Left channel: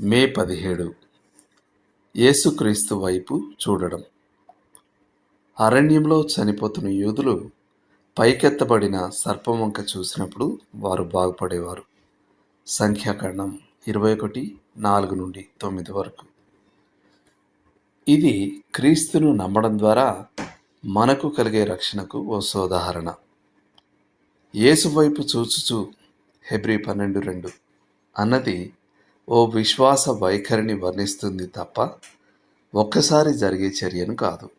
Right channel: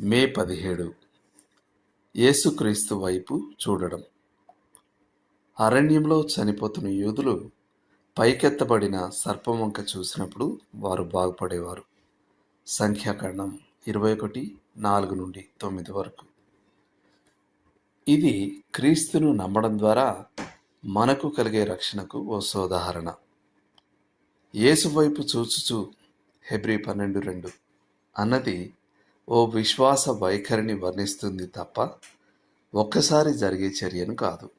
మే పదిహేడు. యేసుక్రీస్తు వైపు చూడడం. అరణ్యంలో చనిపోతున్న యూదులు పైకెత్తబడిన సర్పం వంక చూసినప్పుడు వారు బాగుపడేవారు. సంఖ్యాకరణం ఇరవై ఒకటి నాలుగు నుండి తొమ్మిది వరకు. ఇది క్రీస్తును నమ్మడం ద్వారా మనకు కలిగే రక్షణకు ఓ సోదాహరణ. యేసు వైపు చూచుచు హెబ్రి పన్నెండు రెండు. అన్నది ఓ విశ్వాస వైఖరిని వర్ణిస్తుంది తప్ప ఒక్కసారి జరిగే చర్యను కాదు.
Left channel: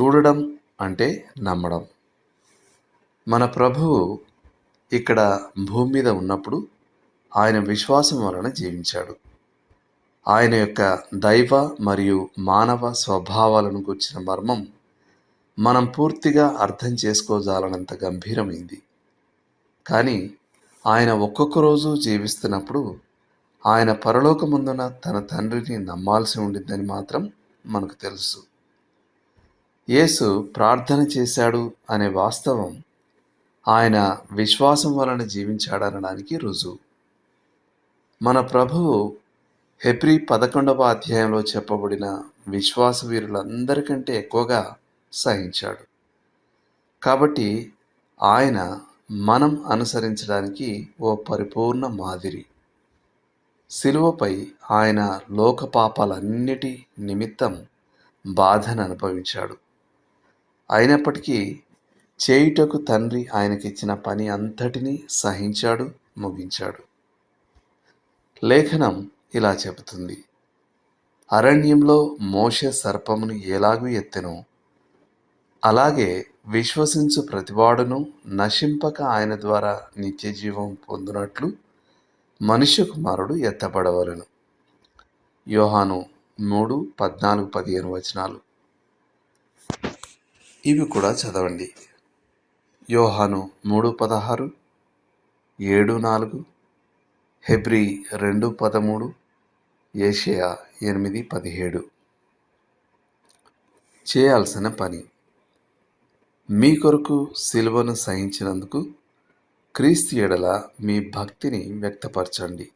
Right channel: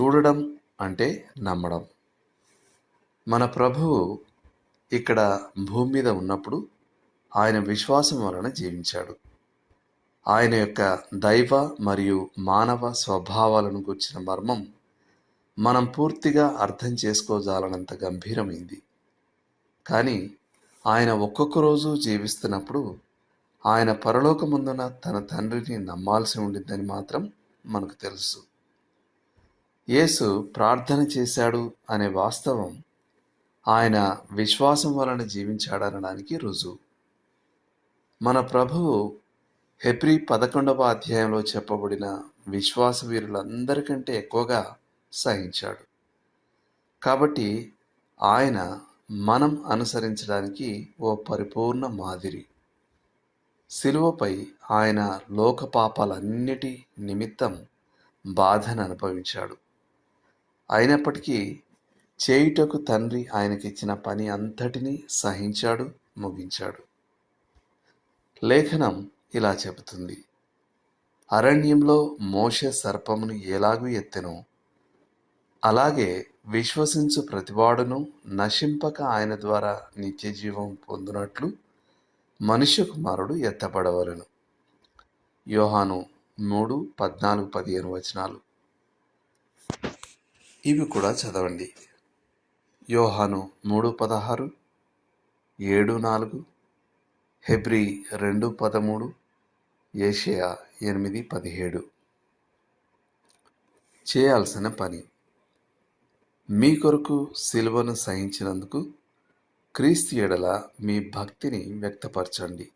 చూడడం అంటే నమ్మడం. మన ప్రభువు ఇక్కడ భూమి మీద ఉన్నప్పుడు ఆయన విశ్వాసం వలన జీవించాడు. ఆయన యొక్క దైవ మరియు మానవ స్వభావాలను గుర్చిన మర్మం మనం పూర్తిగా అర్థం చేసుకోజాలనంత గంభీరమైంది. కానీ ఆయన ఒక్కొక్క రోజు జీవిస్తున్నప్పుడు ఆయన పరలోకముందున తన తండ్రిని నమ్మాల్సి ఉండిందని మాత్రం మనకు తెలుసు. యేసు ప్రార్థన చేశాడు అనే వాస్తవం ఆయన విశ్వాసం వలన జీవించాడనడానికి రుజువు. మన ప్రభువు హెబ్రి పదకొండవ అధ్యాయంలో చెప్పబడిన విశ్వాస వీరులందరికంటే ఎక్కువగా సహించాడు. కాబట్టి ఆయన మనం అనుసరించడానికి ఓ పరిపూర్ణ మాదిరి. శిలువపై ఆయన లోక పాపాలన్నిటి నిమిత్తం బాధను అనుభవించాడు. అయినప్పటికీ చేయుటకు తండ్రి ఆయనకిచ్చిన పని అంతటినీ సహించాడు ముగించాడు. లేఖనం ఇలా చెబుతుంది. అరణ్యంలో మోష సర్పమును ఎలాగూ ఎత్తెను. అలాగే విశ్వసించు ప్రతివాడును నశింపక ఆయన ద్వారా నిత్యజీవం పొందినట్లు మనుష్య కుమారుడు ఎత్తపడవలను యోహాను మూడు పద్నాలుగు పదిహేను వచనాలు. ఇవి కూడా చదవండి. యోహాను మూడు పదహారు ఏడు నాలుగు హెబ్రి రెండు పదమూడు ఏషియా ఎనిమిది పదిహేడు. చేయాల్సిన పని. మీ కొరకు సిలువను సహించినందుకు క్రీస్తు ఎడల మీ భక్తిని వ్యక్తపరచండి.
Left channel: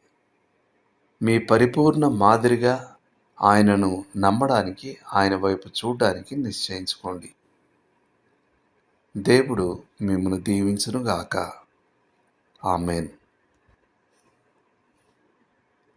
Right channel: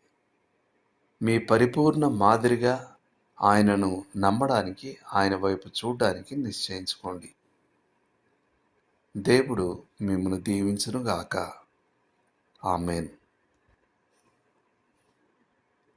మీ పరిపూర్ణ మాదిరిగా ఆయనను నమ్మడానికి ఆయన వైపు చూడడానికి నిశ్చయించుకోండి. దేవుడు మిమ్మల్ని దీవించునుగాక. ఆమెన్.